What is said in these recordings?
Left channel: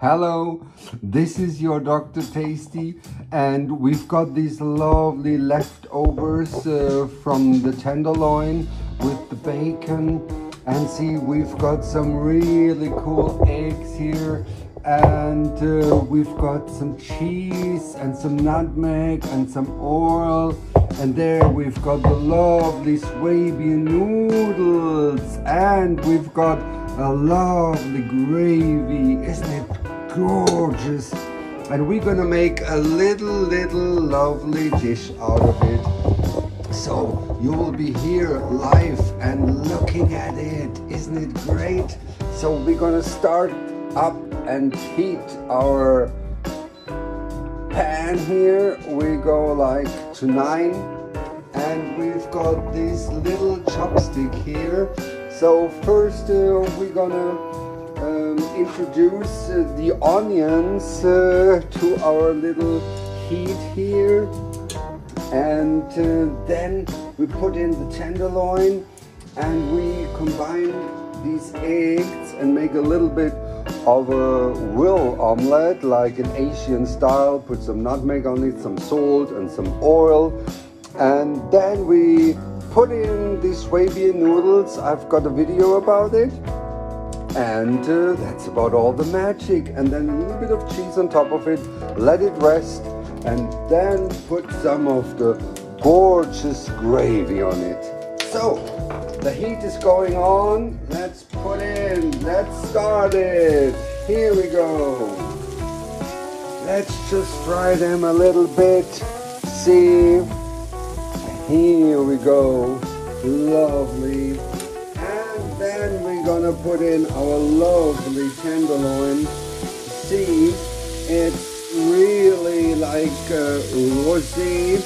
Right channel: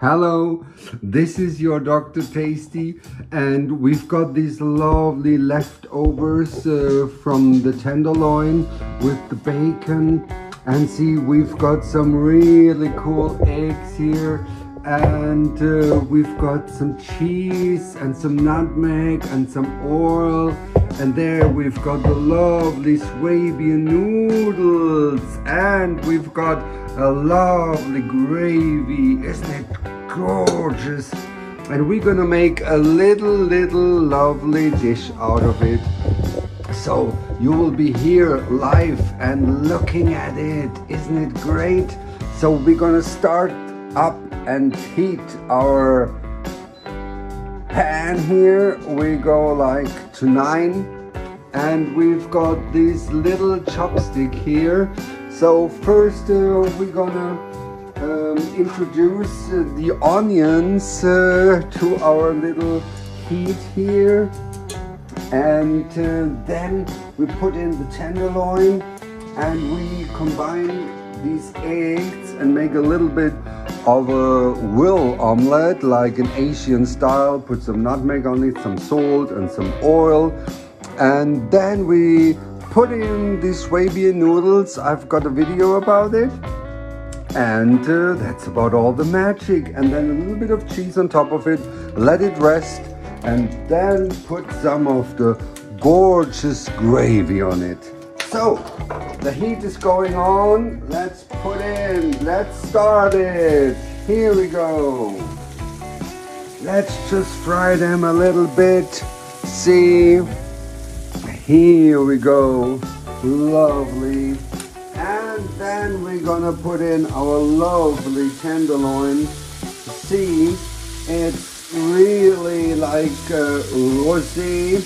Hello, this is your Dr. Tasty, and we've got these lovely leftovers from the tenderloin with the bacon. And see, we've got some really cool eggs here, and we've got some cheese and some nutmeg and some oil, and there we've got the lovely Swabian noodles, and we've got a lovely gravy. Isn't it gorgeous? And we're gonna make a little lovely dish out of it. So you will be here live and looking at it. Isn't it great? So we're gonna start up and heat our pan here. We go like to 9, and we've got this little chopstick here. So first we're gonna introduce the onions to our little heat here. And then we put in the tenderloin, and we combine these eggs and make a little bit of a will omelette, like an Asian style. Put some nutmeg on it, some salt and some oil, and then we put in the Swabian noodles. I've got a video about it, and that's about all the magic. And then a little bit of cheese on top of it, let it rest, and then put some of the gorgeous gravy on it. So the heat is going on. Let's start it. Here we go. Let's just fry them a little bit. See, here we go. Lovely. And then we're gonna put in our lovely tenderloin. See, it's really like rosé,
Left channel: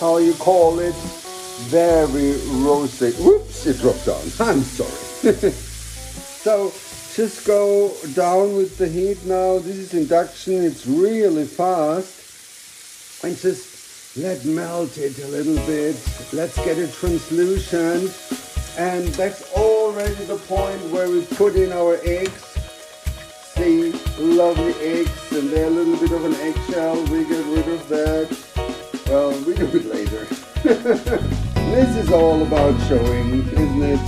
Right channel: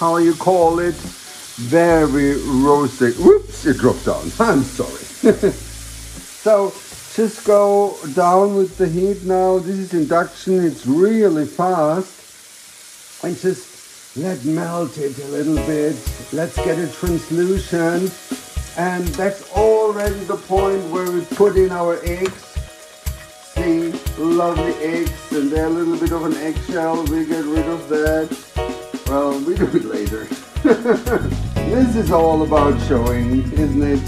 how you call it, very rosé. Whoops, it dropped down. I'm sorry. So just go down with the heat now. This is induction. It's really fast, and just let melt it a little bit. Let's get it translucent, and that's already the point where we put in our eggs. See, lovely eggs, and they're a little bit of an eggshell. We get rid of that. Well, we do it later. This is all about showing, isn't it?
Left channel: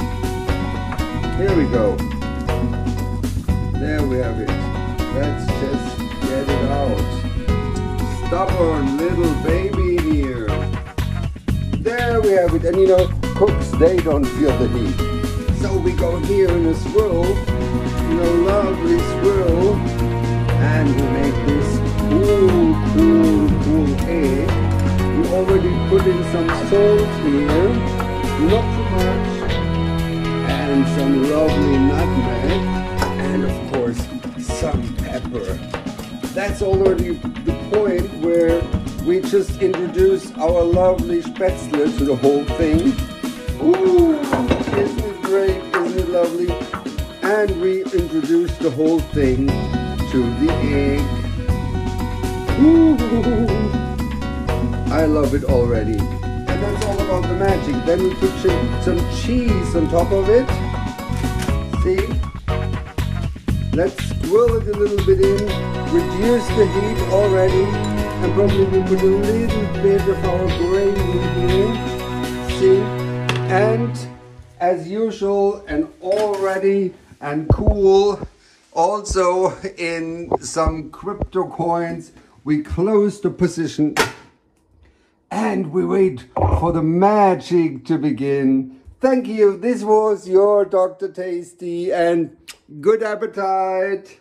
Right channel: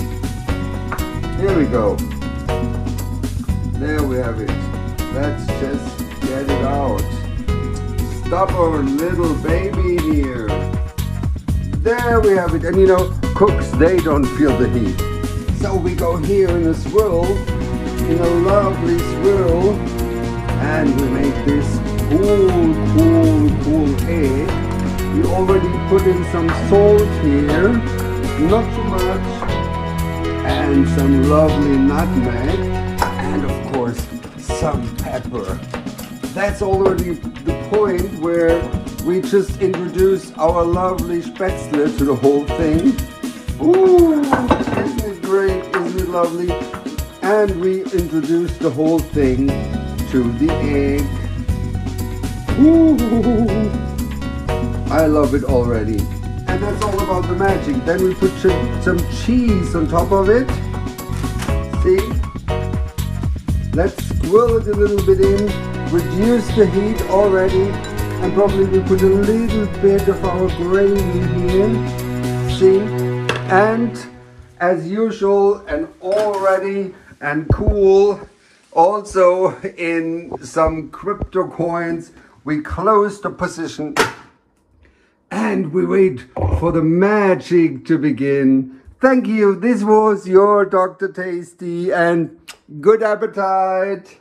Here we go. There we have it. Let's just get it out. Stubborn little baby here. There we have it. And you know, cooks, they don't feel the heat. So we go here in a swirl, in a lovely swirl, and we make this cool egg. We already put in some salt here, not too much, and some lovely nutmeg, and of course some pepper. That's already the point where we just introduce our lovely Spaetzle to the whole thing. Ooh, isn't it great? Isn't it lovely? And we introduce the whole thing to the egg. Ooh, I love it already. And that's all about the magic. Then we put some cheese on top of it. See? Let's swirl it a little bit in, reduce the heat already, and probably we put a little bit of our gravy here. See? And as usual, and already and cool, also in some crypto coins, we close the position and we wait for the magic to begin. Thank you. This was your Dr. Tasty, and good appetite.